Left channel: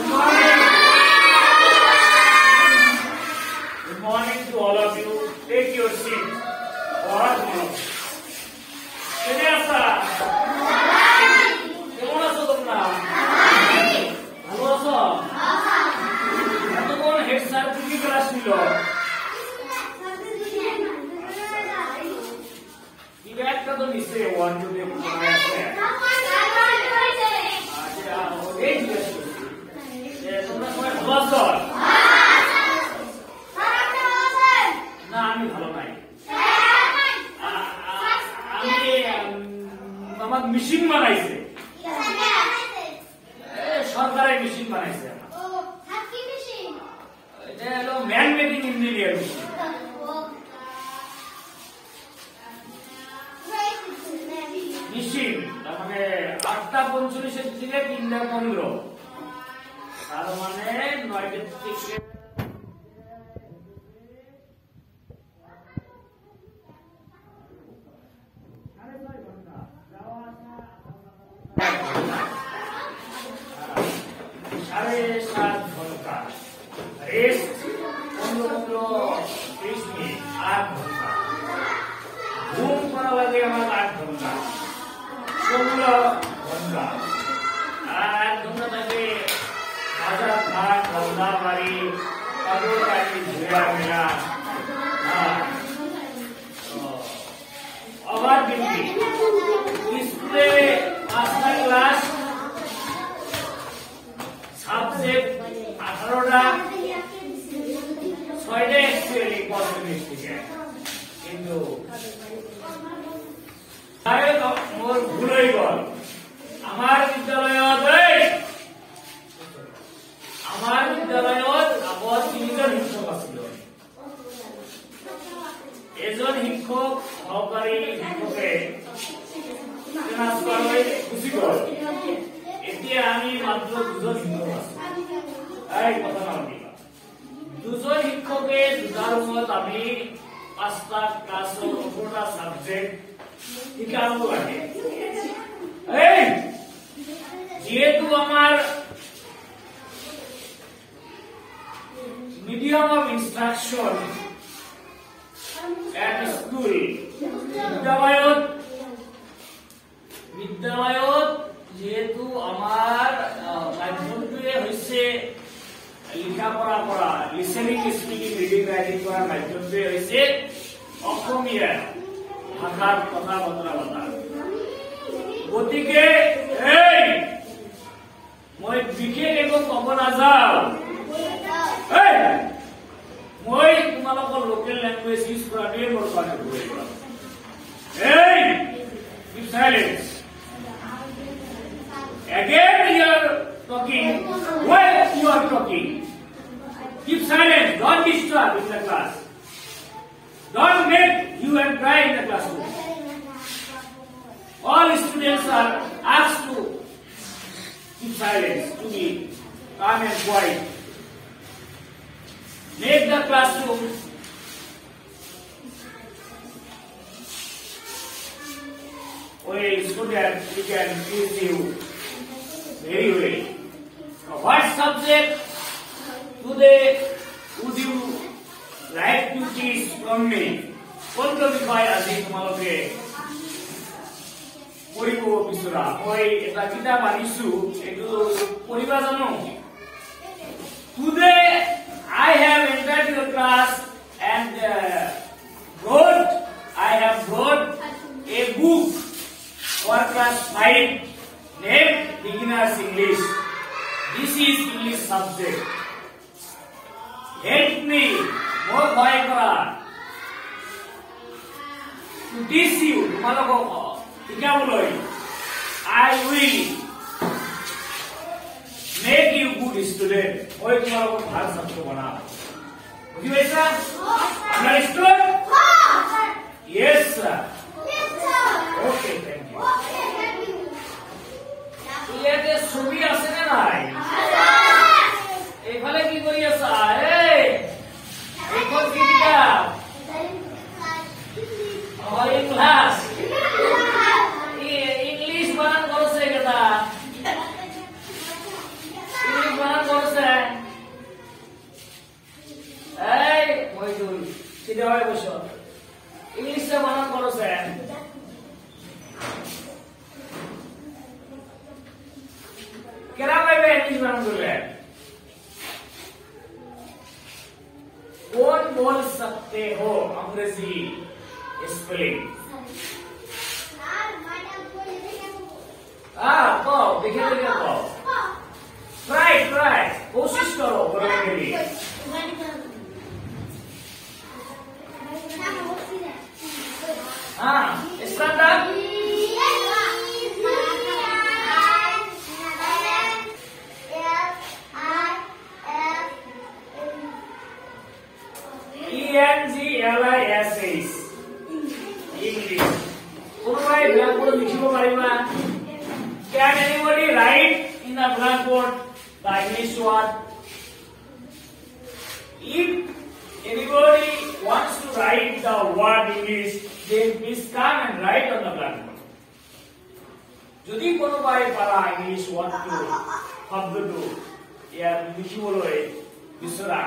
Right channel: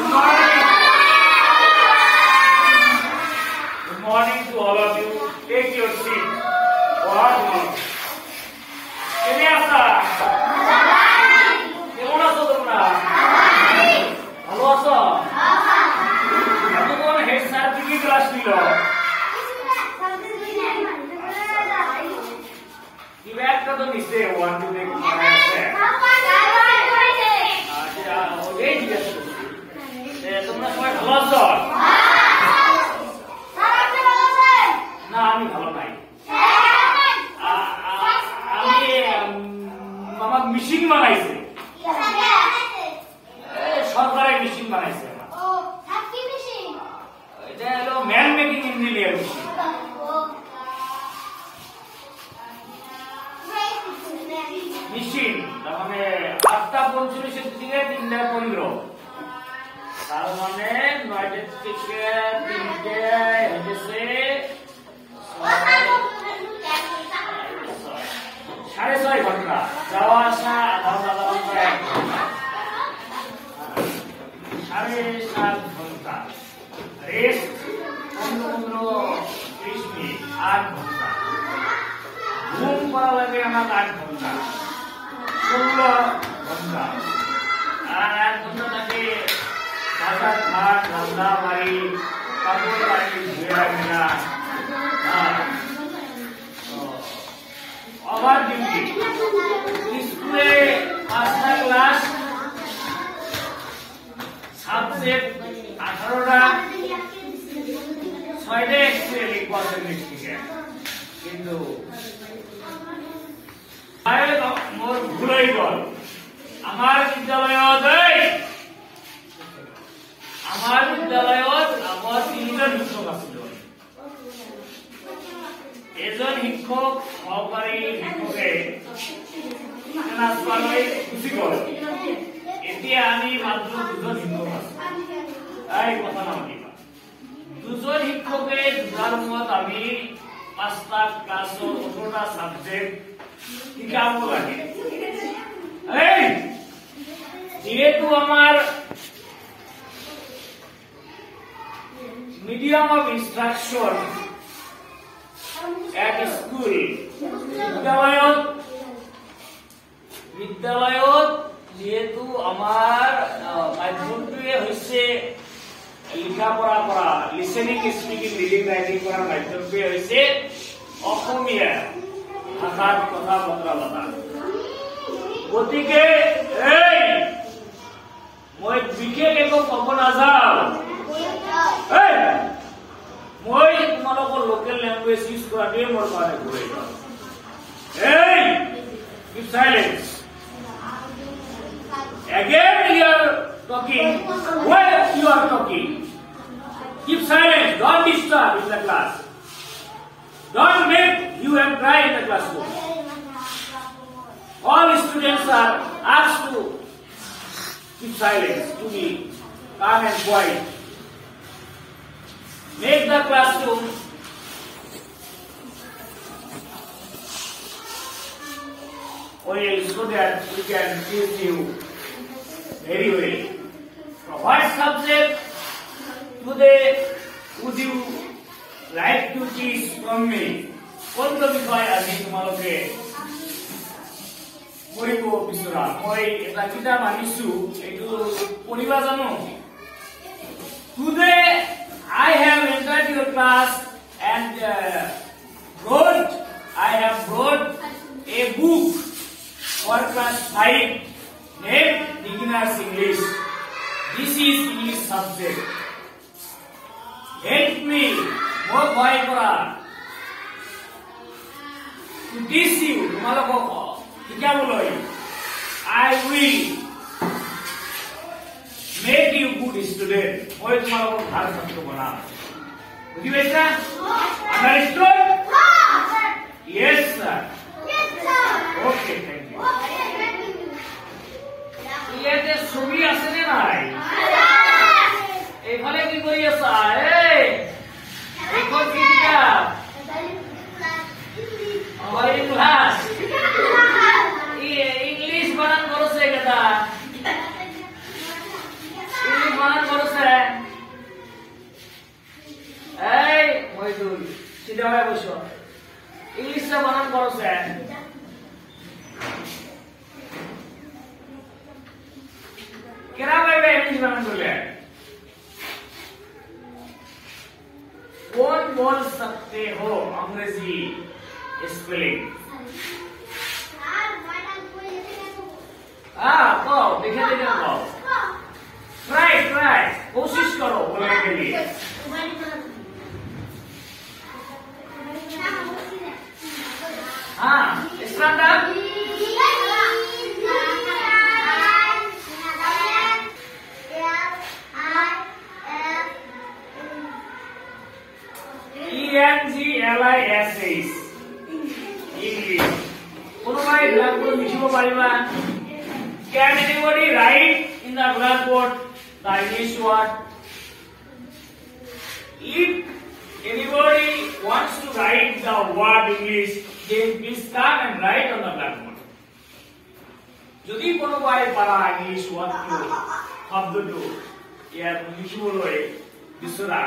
Good morning to all of you. Take your seat. What now? Kenyasa. কেমন আছো তোমরা? ভালো আছো? এতক্ষণ হেড স্যার কি ক্লাস নিল? কি ব্যাগটা তো মিশে 1 2 3 তোমরা সবাই ভালো আছো? না আমি ভালো নাই। আমি আমার মেশিন বানাইছে, সরকারের মেশিন বানাইছে। এটা হলো man making engineer machine. Machine তার মানে 8টা 45 থেকে 3টা 15, তার মানে 9টা থেকে 3টে হচ্ছে 6.5 ঘন্টা যাওয়া আসা, আধা ঘন্টা 7.5 ঘন্টা রেস্ট 15-20 মিনিট, 8 ঘন্টা ঘুম করা লাগে আমার 8 ঘন্টা, 16 ঘন্টা। আর 8 ঘন্টা থাকে বাজার ঘাট, ধন্দা বাড়ি, কাপড় বাড়ি, ঘোরা মেলা, আবার ডিউটি স্কুলে 5টা ক্লাস, সাবজেক্ট 18টা, 6টা এক্সেল পার্সেন্টেজ। কিন্তু মোর ভুল হয়ে গেল। আমার বিদ্যালয়ত আগত 3জন শিক্ষক আছিল। এজন শিক্ষক সহকারী শিক্ষকে ট্রান্সফারলৈ গুচি গল। এতিয়া আমি মাত্ৰ 2জন শিক্ষক আছো। এই কথা নাপাতিবা। 2জন শিক্ষকে 2টা ৰুমত আমি 5টা ক্লাছৰ 18টা সাবজেক্ট শিকাব লাগে। এই যেহেতু আমাৰ মিডিয়াম অফ ইনস্ট্ৰাকশন এক স্কুল, বিদ্যালয়ত যেহেতু আমাৰ মাধ্যমটোৱে হৈছে লিখা পঢ়া কৰা, লিসেনিং স্পিকিং ৰিডিং ৰাইটিং কৰাৰ মাধ্যমটোৱে হৈছে অসমীয়া ভাষাৰ কথা বতৰা পতা। গতিকে মই বিশেষ একো কব নাযাওঁ। মই তোমালোকৰ লোকেল ল্যাঙ্গুয়েজ ইউজ কৰাটোৱে মোৰ কাৰণে ভুল। Keep silence. Again you are talking while you are talking. Keep silence. Don't disturb in the class. Don't make you and cry in the classroom. All students are asked to keep silence, to be calm and quiet. Make the classroom well so that we can teach you very well. What subject today would you like to teach from me? কোনটো বিষয় আজি তোমালোকে পঢ়িব বিচৰা? মই এটা কিতাপ আনিছো, এইটো পঢ়িবা জানো? Today I have entered your class and I have brought a book for class 5 named Beginner's English. This is English subject. Help me, more bhai kora, to teach you. Tumaloko শিকাবলৈ I will make you good student. মই তোমালোকক ভাল ছাত্ৰ বনাম। বুজি পাইছা? Understood? Yes sir. Okay, thank you. ইয়াতে ছবি আছে নে নাই? এইফালে কি কৰি আছা? এইখন কি কিতাপ? আমার ক্লাস ইংলিশ বানান করছে কথা, ইংলিশ বানান সিধা হয়ে বসো ইংলিশটা বানান করো স্যার কেরা ভাইবে ইংলিশ বানান করবে कौन बोल सकते हो अंग्रेजी स्पेलिंग हाँ कहो देखे देखे कहो ट्राई ट्राई कोशिश करो करने के लिए हाँ start up ENGLISH English. Provide blackboard লিখিব পাৰিবা? Can anybody write in the blackboard the English word? If anybody wants to write the word English, then please come and write on the blackboard. যদি কোনোবাই পাৰা English ওয়াৰ্ডটো শব্দটো ইয়াৰ লিখিবলৈ বিচৰা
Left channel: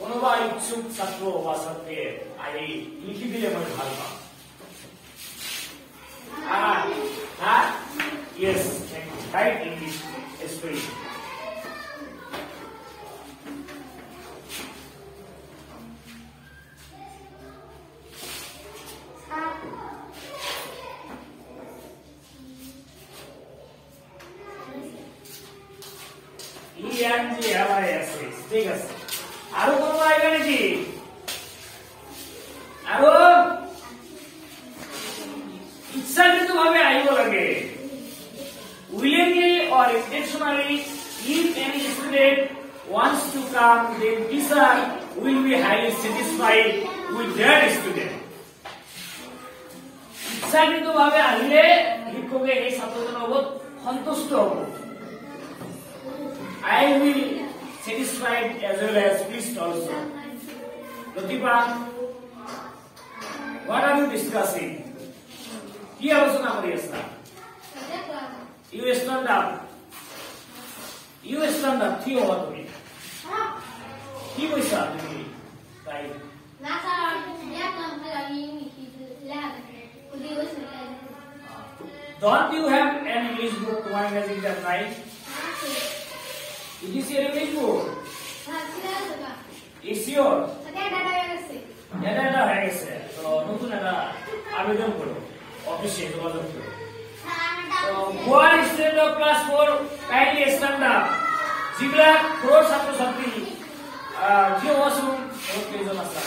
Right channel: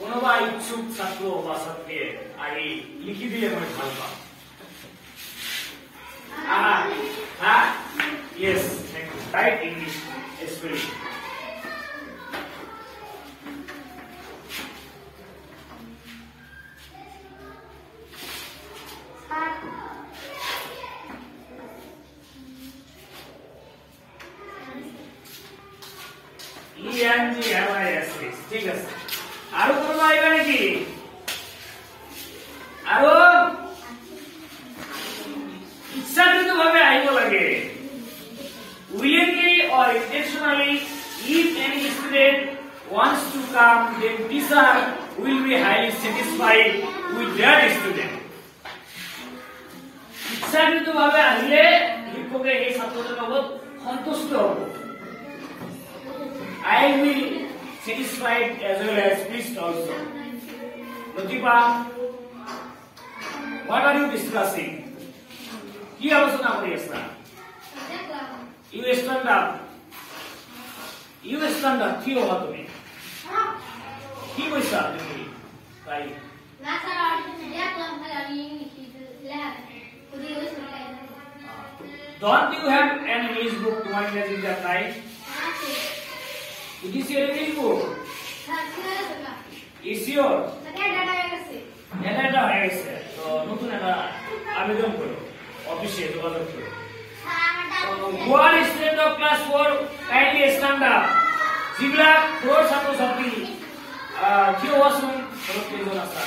কোনোবা ইচ্ছুক ছাত্র বা ছাত্রী আহি লিখি দিলে মই ভাল পাম yes thank you right English spelling ENGLISH ঠিক আছে আৰু কোনো আইবা নেকি আৰু ইচ্ছাকৃতভাৱে আহিব লাগে willingly or intentionally if any student wants to come then teacher will be highly satisfied with that student ইচ্ছাকৃতভাৱে আহিলে শিক্ষকে এই ছাত্ৰজনৰ লগত সন্তুষ্ট হ'ব I will satisfied as well as pleased also. Pratibha, what are you discussing? কি আলোচনা কৰি আছা? You stand up. You stand up. কি হবা তুমি? কি কৈছা তুমি? তাই না স্যার ইয়া তো আমি Don't you have an English book to manage that night? It is your English book. It's your. Data হয়ে গেছে তো নতুন একটা আবেদন করো অফিসে যোগাযোগ করো One student of class 4 kindly stand up. যিগলা floor ছাত্র ছাত্রী কি ওয়াসুন কেজন আছে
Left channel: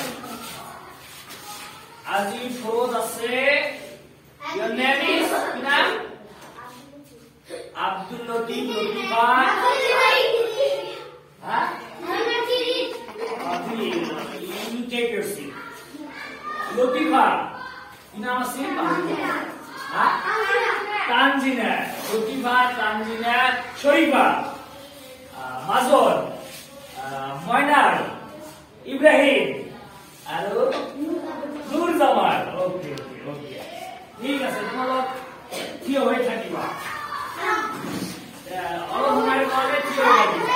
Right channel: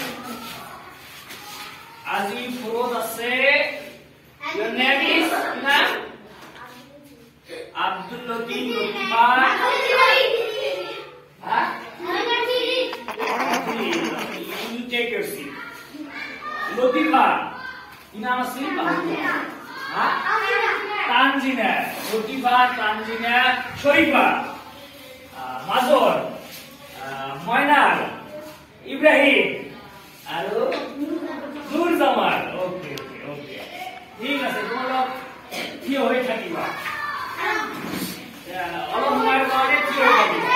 আজি ফ্লোর আছে your name is না Abdul Latif Latifa you take your seat Latifa নাম আছে Tanzina Latifa Tanzina Shorifa Mazor Moinal Ibrahim আৰু Nur Zaman okay ঠিক আছে তোমালোক কি হৈ থাকিবা অলপ সময় কাৰণে কি হৈ থাকিবা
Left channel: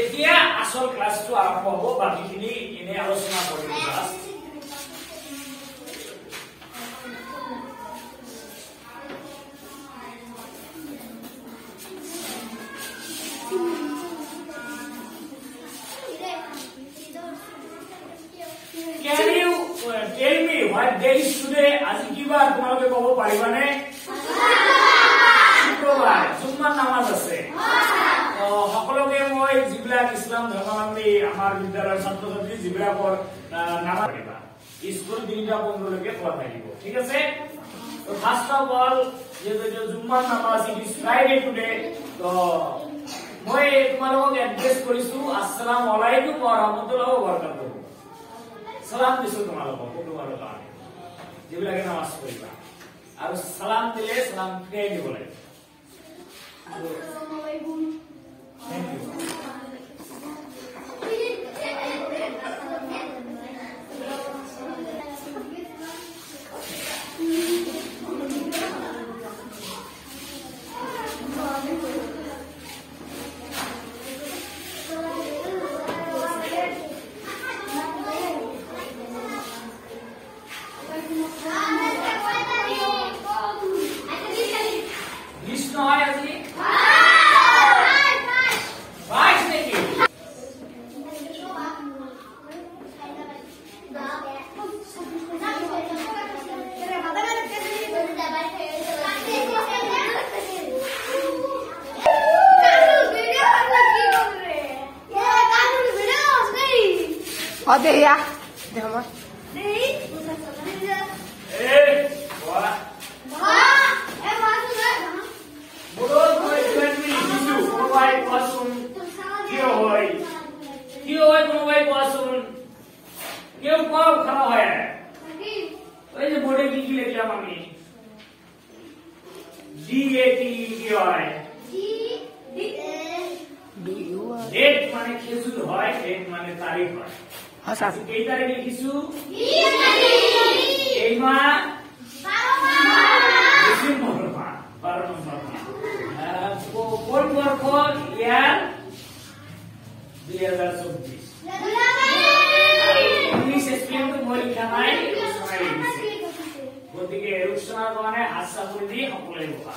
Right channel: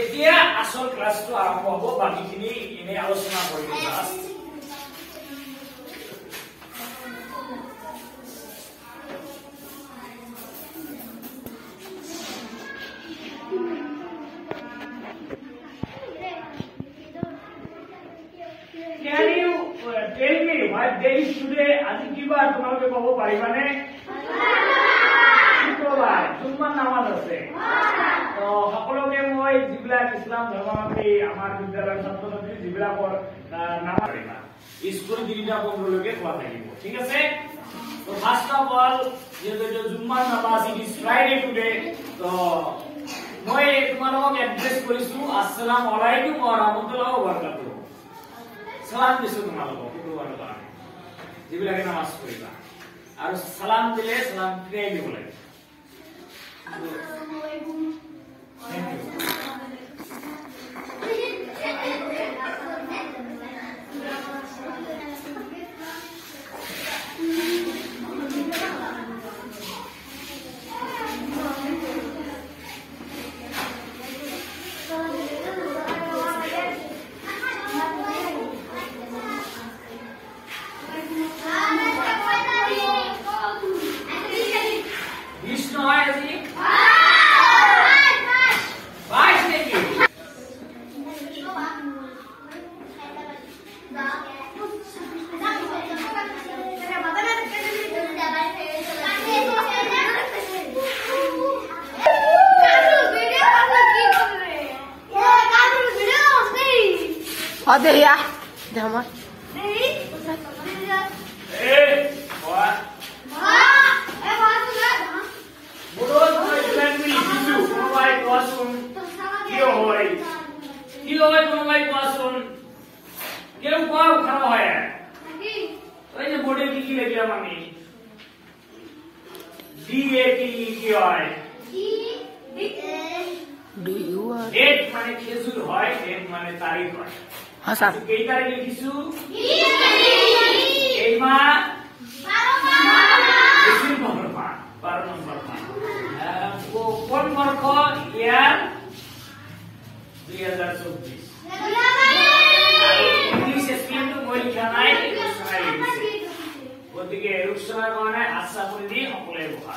এতিয়া আসল ক্লাসটো আৰম্ভ হ'ব বাকিখিনি এনে আলোচনা কৰিম Can you tell me what day is today? আজি কি বাৰ তোমালোকে ক'ব পাৰিবানে? শুক্ৰবাৰ জুম্মাৰ নামাজ আছে তো সকলোকে মই যিবিলাক ইছলাম ধৰ্মাৱলম্বী আমাৰ বিদ্যালয়ৰ ছাত্ৰ ছাত্ৰী যিবিলাকৰ নাম পাৰিবা স্কুল 3:15 খোলা থাকিব ঠিক আছে তো ফাৰ্স্ট অফ অল যে জুম্মাৰ নামাজ ইট ইজ ফ্ৰাইডে টুডে তো মই তোমালোকক এড্ৰেছ কৰিছো আসসালামু আলাইকুম ওয়া ৰাহমাতুল্লাহি ওয়া বাৰাকাতুহু সালাম দিছো তোমালোকক শুক্ৰবাৰৰ কাৰণে যিবিলাকে নামাজ পঢ়িবা আৰু সালাম দিলে সালাম ফিৰাই দিব লাগে Thank you. Ada ya. Dah mah. Date माने खेजुर হয় डेट माने तारीख হয় হাসা এই তারিখে কিছু এই মাস 12 মাস 12 নম্বর মাস কোন বর্ষ ইয়ার 2024 ইংলিশ স্ক্রিপ্ট মই লিখা নাই শোনাই লিখিছে গতিকে রূপসনা মানে আশা করে দি সকলে বহা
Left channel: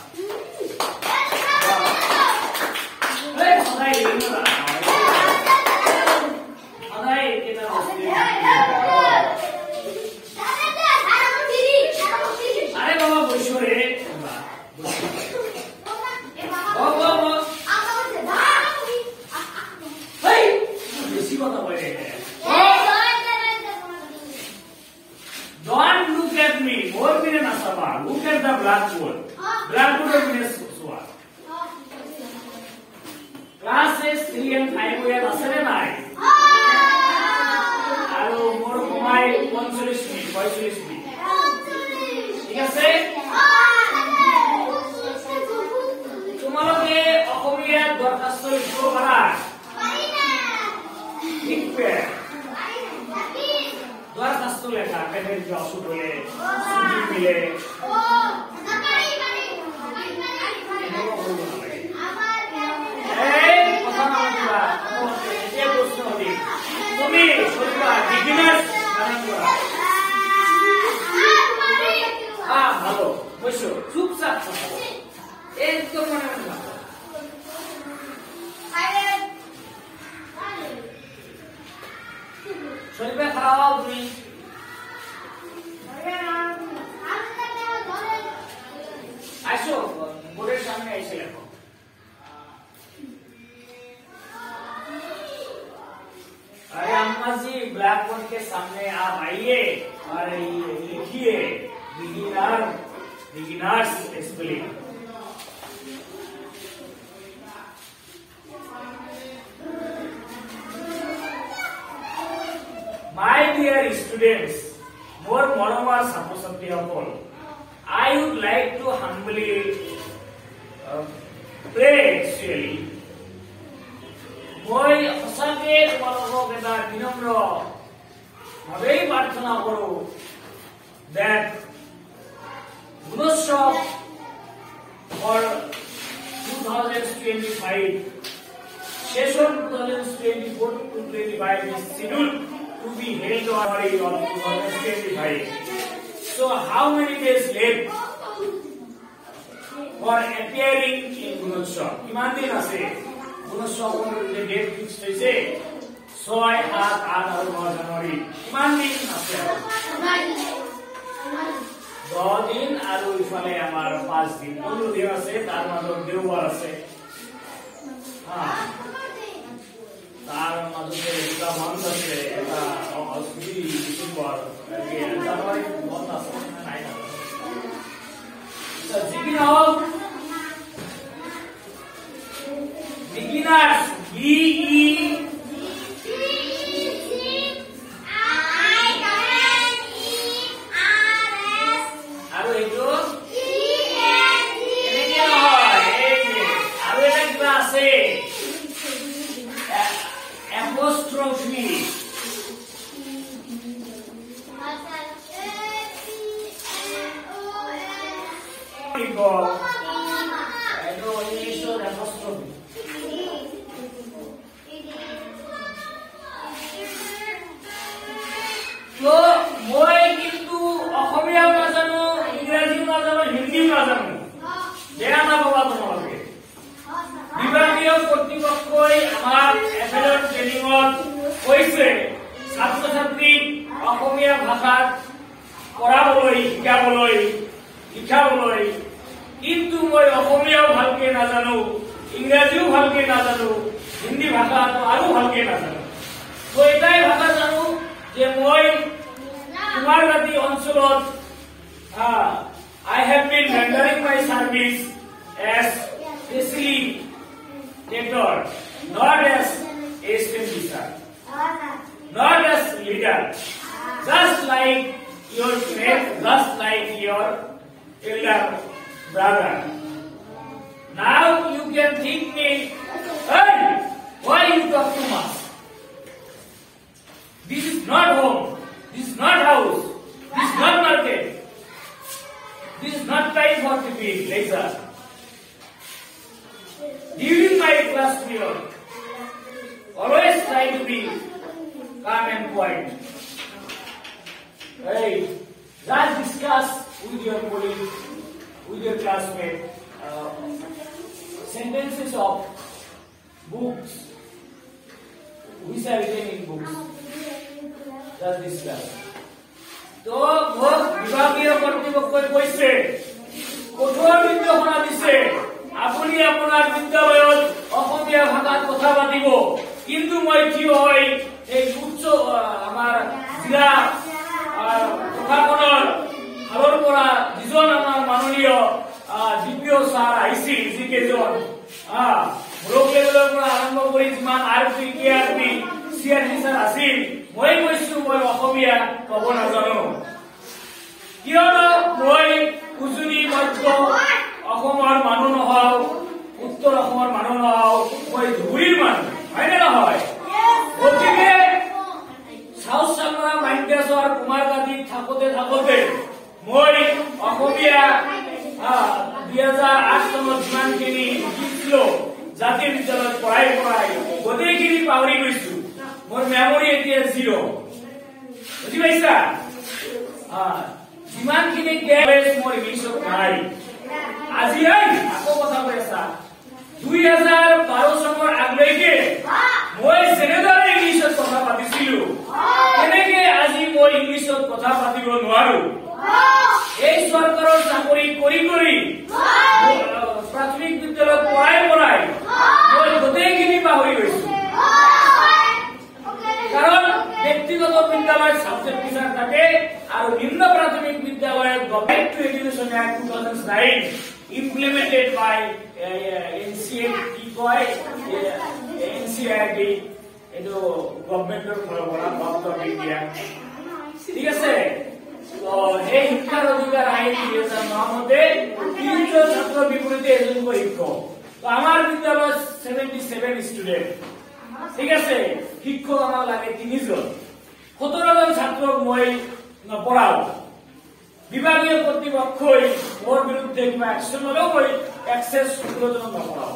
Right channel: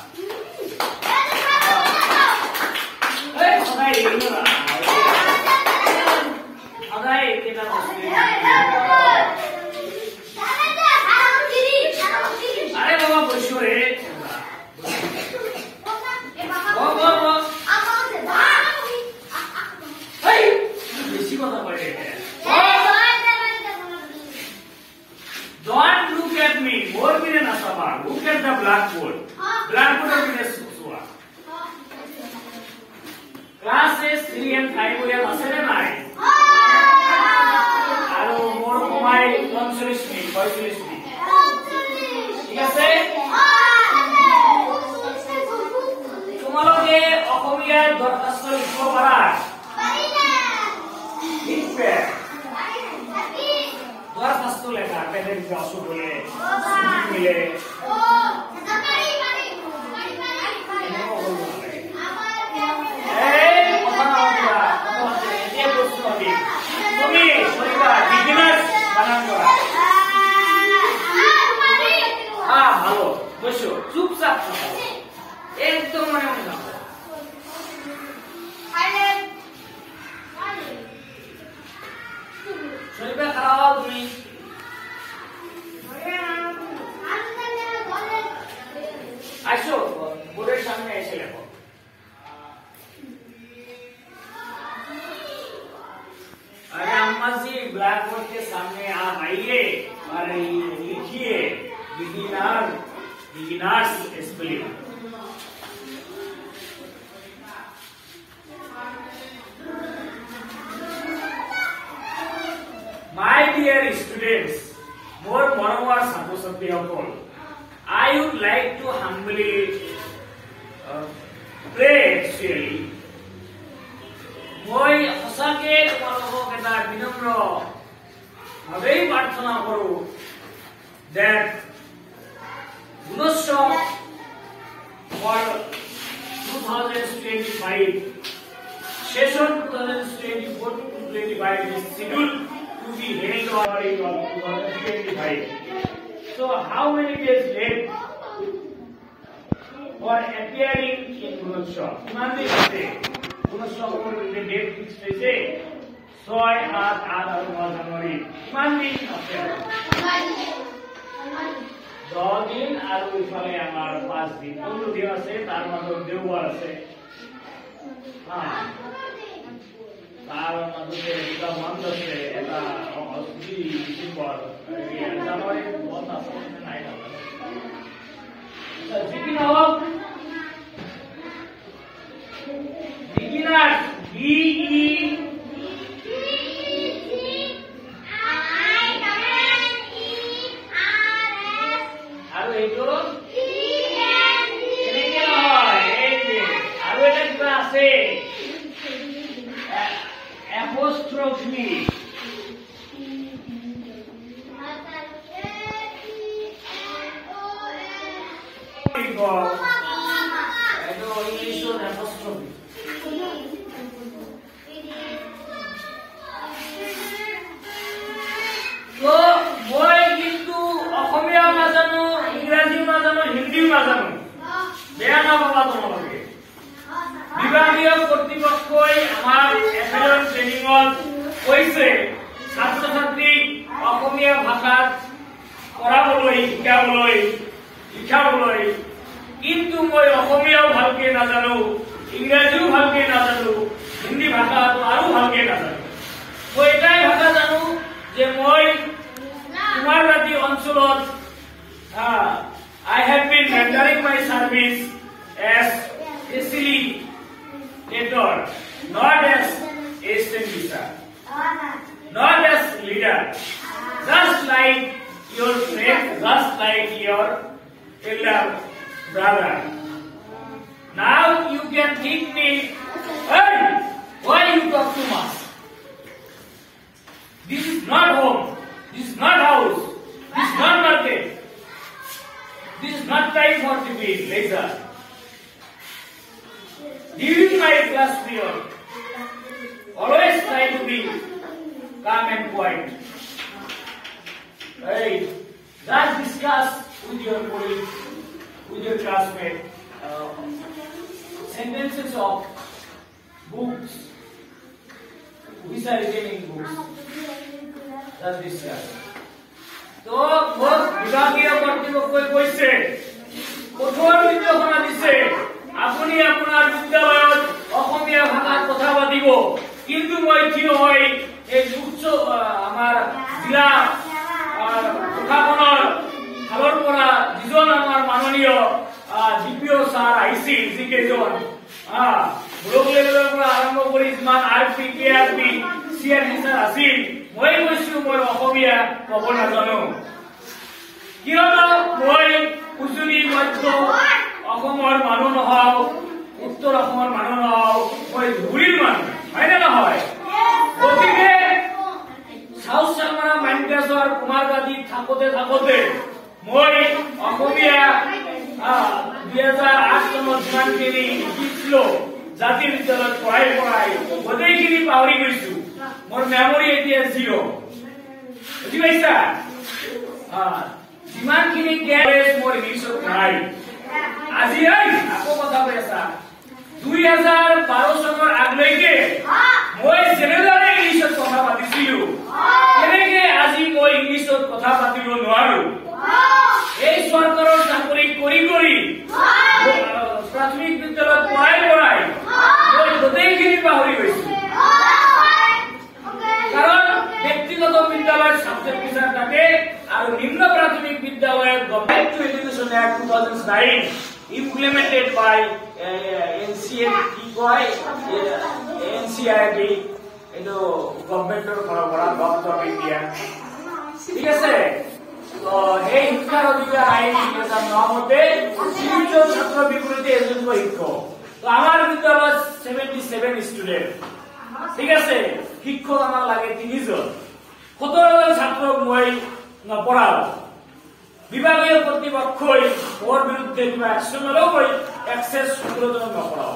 अरे बाबा बसो रे बेसी কথা বলে Don't look at me. More than asaba. Look at the blackboard. Blackboard of Guinness Book. Classes 3 and 5 we are asale nai. Aro more komai 45 minute, 45 minute. ঠিক আছে? তোমালোকে অসমীয়া দরখাস্ত লিখিব পারা? লিখবে। দরখাস্ত লেখা পেটে জসু বলে সুজি মিলে ভালো বসো চুপচাপ একদম মনে মনে থাকো শরীফে খারাপ তুমি আসো বোর্ডের সামনে এসে লেখো अरे अम्मा जी ब्लैक बोर्ड के सामने आप आइए और लिखिए beginners spelling My dear students, more moreover ছাত্রছাত্রী সকল, I would like to humbly pray actually. মই সঁচাকে তোমালোকক এটা বিনম্ৰ ভাৱেই প্ৰাৰ্থনা কৰো that Gunotsov for 2025 session 2024 to 2025 is scheduled to be held on February of 2025. So how many days left for appearing in Gunotsov? কিমান দিন আছে? Gunotsovৰ ডেট ফিক্স হৈছে 6, 7, 8 আৰু 9 জানুৱাৰী। কিমান দিন আছে? 10 দিন আৰু ইফালে আমাৰ 5 দিন। 15 দিন আছে, তাৰ মাজত দেওবাৰ আছে। তাৰ মাজতে এটা মান্থ আছে, এটা ডিচেম্বৰ, জানুৱাৰী বন্ধ আছে নাই যি কি নহওক beginners আৰু এইটো এনেকে নহয় এই যে আৰু এটা কিবা আছে apostrophe এইটো ইংলিছত apostrophe তো মই কিন্তু অসমীয়াও নাজানো, ইংৰাজীও নাজানো, হিন্দীও নাজানো, বেয়া নাপাবা তোমালোকে। বিভাগীয় কৰ্তৃপক্ষই আমাৰ এফএলৰ ট্ৰেইনিঙত কৈছে ছাত্ৰ ছাত্ৰীক অসমীয়া ভাষাত পঢ়াবলৈ, শিকাবলৈ, লিখাবলৈ, কিন্তু মই অসমীয়াও ভালকে নাজানো, ইংৰাজীও ভালকে নাজানো, হিন্দী ভাষাটো আৰু ভালকে নাজানো। মই এটাই ভাষা জানো যে মই কুমাৰবাদী অঞ্চলত I have been rendering my service as facilitator, not as assistant teacher, not as leader, just like your friend, just like your elder brother. Now you can think me, hey, why you talk too much? This is not home, this is not house, this is not market, this is not time for debate, later. During my class period, always try to be calm and quiet. Hey, just discuss with your colleague, with your classmate, sentences of books, which are written in books. Just discuss. তো মোর বিভাগীয় কর্তৃপক্ষই কৈছে কঠোর নির্দেশনা দিছে আপুনি আপোনাৰ বিদ্যালয়ত অসমীয়া ভাষাত কথা পাতিব, কিন্তু মই থিয় হৈ এই উচ্চ আমাৰ জিলা প্ৰশাসনৰ ফালৰ পৰা যিজন আমাৰ মাননীয় ডিপিঅ ছাৰ আহিছিল, যিকেইজন ব্লক লেভেলৰ পৰা আৰম্ভ কৰি যিমান RP, KRP, CRP ছাৰ আছিল, মই কৈছো মই অসমীয়া ক'ব নাজানো, কিয়নো মই উজনি মধ্য অসমৰ মানুহ নহও, উত্তৰ অসমৰ মানুহ নহও, মই ধুবুৰীৰ মানুহ, হয়নে নহয়? গতিকে চাউথ চামৰা মাইনকাছৰ কুমাৰবাদীত থাকোতে মই অসমীয়া 2008 চনত যিমানখিনি শিকিছিলো জাতীয় বিদ্যালয়ত পঢ়াই গোটেইখিনি পাহৰি গৈছো, মোৰ মেমৰি এতিয়া জিৰ'। বুজি পাইছা? যিমানখিনি জ্ঞান মোৰ ইংলিছত নাই। আজি আকৌ কথা কৈ আছা, 2012 চনৰ আগলৈকে মই যেনেদৰে ইংলিছত কথা পাতিছিলো, তেনেকে আজি মই ইংলিছত কথা পাতিব নোৱাৰো। এই চৰকাৰৰ চাকৰি কৰি প্ৰাথমিক বিদ্যালয়ত পঢ়াই মই গোটেইখিনি পাহৰি গৈছো। কারণ ব্যক্তিগত বিদ্যালয়ের সাবজেক্ট টিচার থাকে আর নিম্ন প্রাথমিক বিদ্যালয়ের government to education act 2009 implemented by NCERT, এটো গভর্নমেন্টের পৰা গভর্নমেন্ট অফ ইন্ডিয়া, ঠিক আছে? তো এই শিক্ষার অধিকার আইন 2009 মতে 3জন ছাত্র বিপরীতে এজনকৈ শিক্ষক। তো আমার বিদ্যালয় 77 স্টুডেন্ট, ঠিক আছে? শিক্ষক আমার লাগে 3জন, 17জন ছাত্রক মই নপঢ়াও। বিভাগীয় কর্তৃপক্ষই মোর বিরুদ্ধে কিবা একশন ললেও মই এক্সেস 17জনক নপঢ়াও।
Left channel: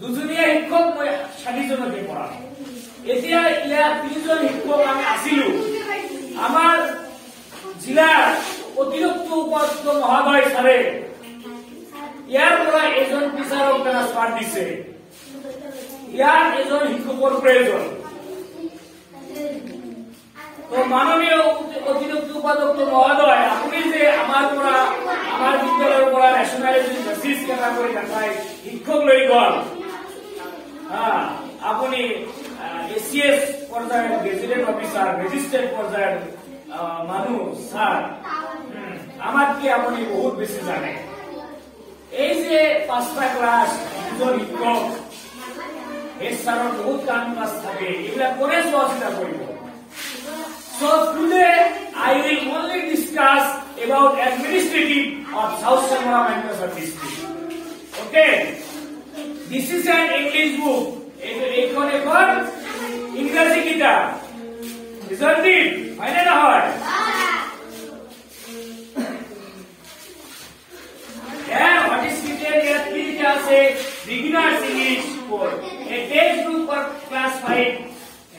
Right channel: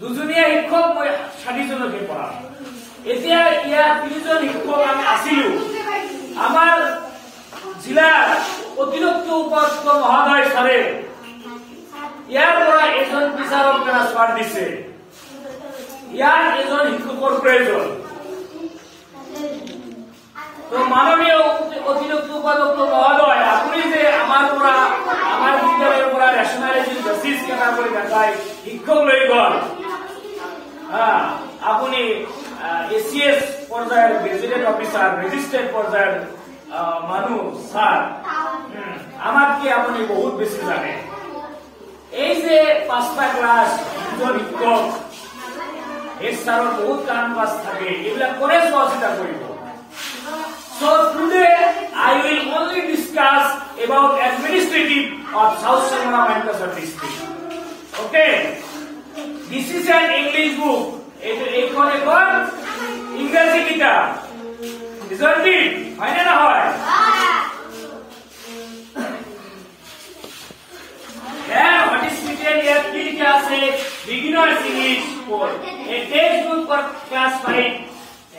দুজনীয়া শিক্ষক মই 60জনকে পঢ়াও। এতিয়া ইয়াৰ 3জন শিক্ষক আমি আছিলো। আমাৰ জিলাৰ অতিৰিক্ত উপাধ্যক্ষ মহোদয় ছাড়ে ইয়াৰ পৰা এজন টিচাৰক ট্ৰান্সফাৰ দিছে, ইয়াৰ এজন শিক্ষকৰ প্ৰয়োজন। তো মাননীয় অতিৰিক্ত উপাধ্যক্ষ মহোদয়, আপুনি যে আমাৰ বিদ্যালয়ৰ পৰা ৰেচনেলিটি বেচিছ কেনা কৰি দেখাই শিক্ষক লৈ গল, আপুনি ACS পৰ্যায়ৰ গেজেটেড অফিচাৰ, ৰেজিষ্টাৰ্ড পৰ্যায়ৰ মানুহ স্যার, আমাতকে আপনি বহুত বেশি জানে। এই যে 5টা ক্লাস, 2জন শিক্ষক, এই স্যারের বহুত কাম কাজ থাকে, এগুলা করে চোৱা চিতা কৰিব। So today I will only discuss about administrative of South Samara Mankasa district. Okay, this is an English book. এখন ইংরেজি কিতাব, isn't it? হয় না হয়? Then what is written here? কি লিখা আছে? Beginners English for a textbook for class 5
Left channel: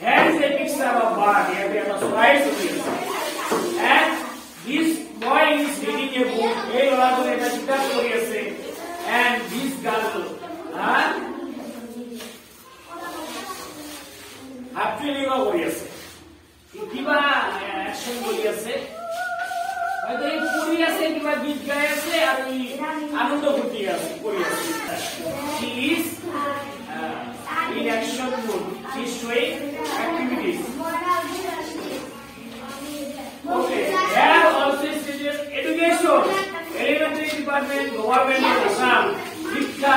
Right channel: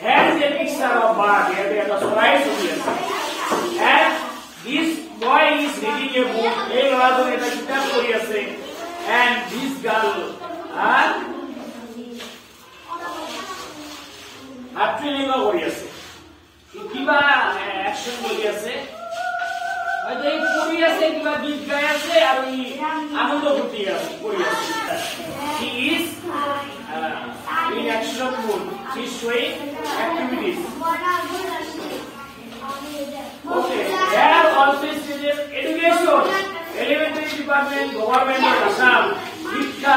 has a picture of bird. Here they are slides here. And this boy is reading a book. এই ল'ৰাজনে এটা কিতাপ পঢ়ি আছে, and this girl হাতলিঙা কৰি আছে, কিবা অ্যাকশন কৰি আছে, হয়তো এই পঢ়ি আছে, কিবা গীত গাই আছে আৰু আনন্দ ফূৰ্তি কৰি আছে। He is in action mood. He is showing activities. Department government of Assam শিক্ষা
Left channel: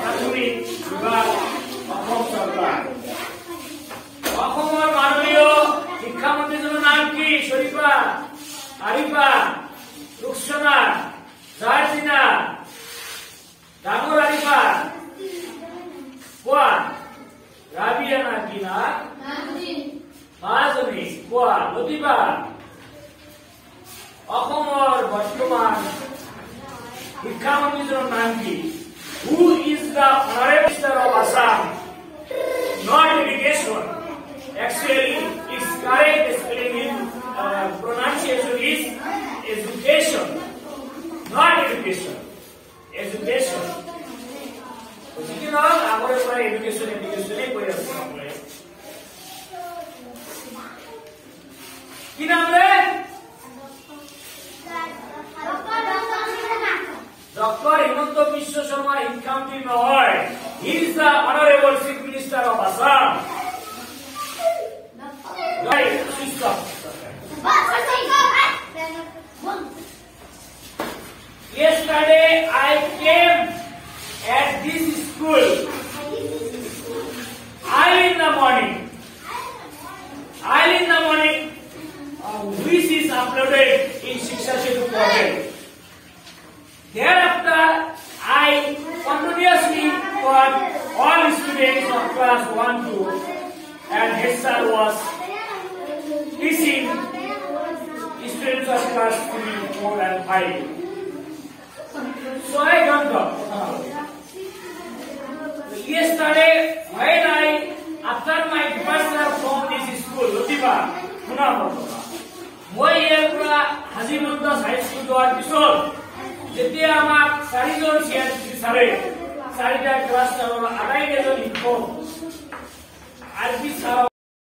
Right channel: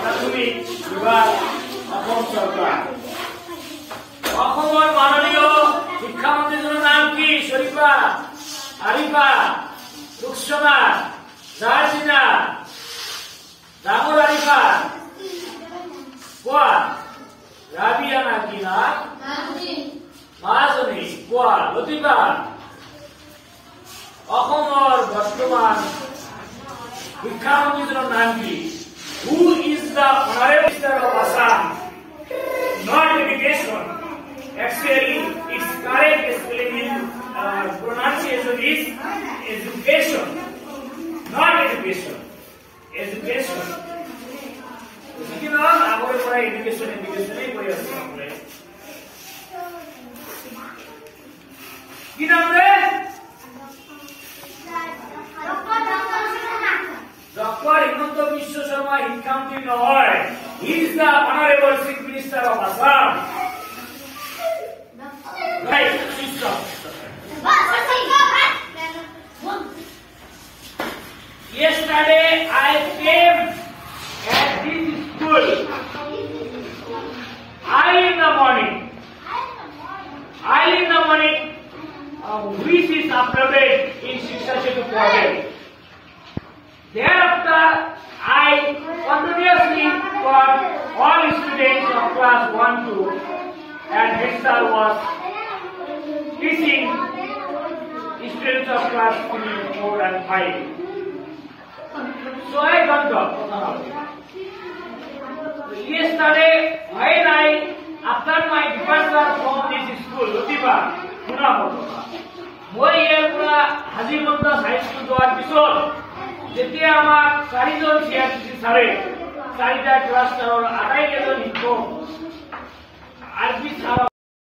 প্রাথমিক বিভাগ অসম সরকার অসমৰ মাননীয় শিক্ষামন্ত্ৰীজনৰ নাম কি শৰীফা আৰিফা ৰুকসানা জাৰ্জিনা ডাঙৰ আৰিফা কোৱা ৰাবিয়া নাকিনা মাজনী কোৱা লতিফা অসমৰ বৰ্তমান শিক্ষামন্ত্ৰীজনৰ নাম কি who is the honourable minister of Assam not education actually its correct spelling in pronunciation is education not education education বুঝলি না আমাদের পুরো এডুকেশনই পড়ে আছে আমরা কি নাম রে ডক্টর হিমন্ত বিশ্ব শর্মা শিক্ষামন্ত্রী নহয় he is the honorable chief minister of Assam right system yesterday I came at this school early in the morning which is uploaded in Shiksha Setu portal. Thereafter, I continuously taught all students of class 1-2 and head sir was teaching students of class 3, 4 and 5. So I don't talk. Yesterday, when after my departure from this school, Lutiba, মই ইয়াৰ পৰা হাজিমন্দাস high school যোৱাৰ পিছত যেতিয়া আমাক 4জন CRC ছাৰে 4টা class আটাইকেইজন শিক্ষক আৰবি ছাৰ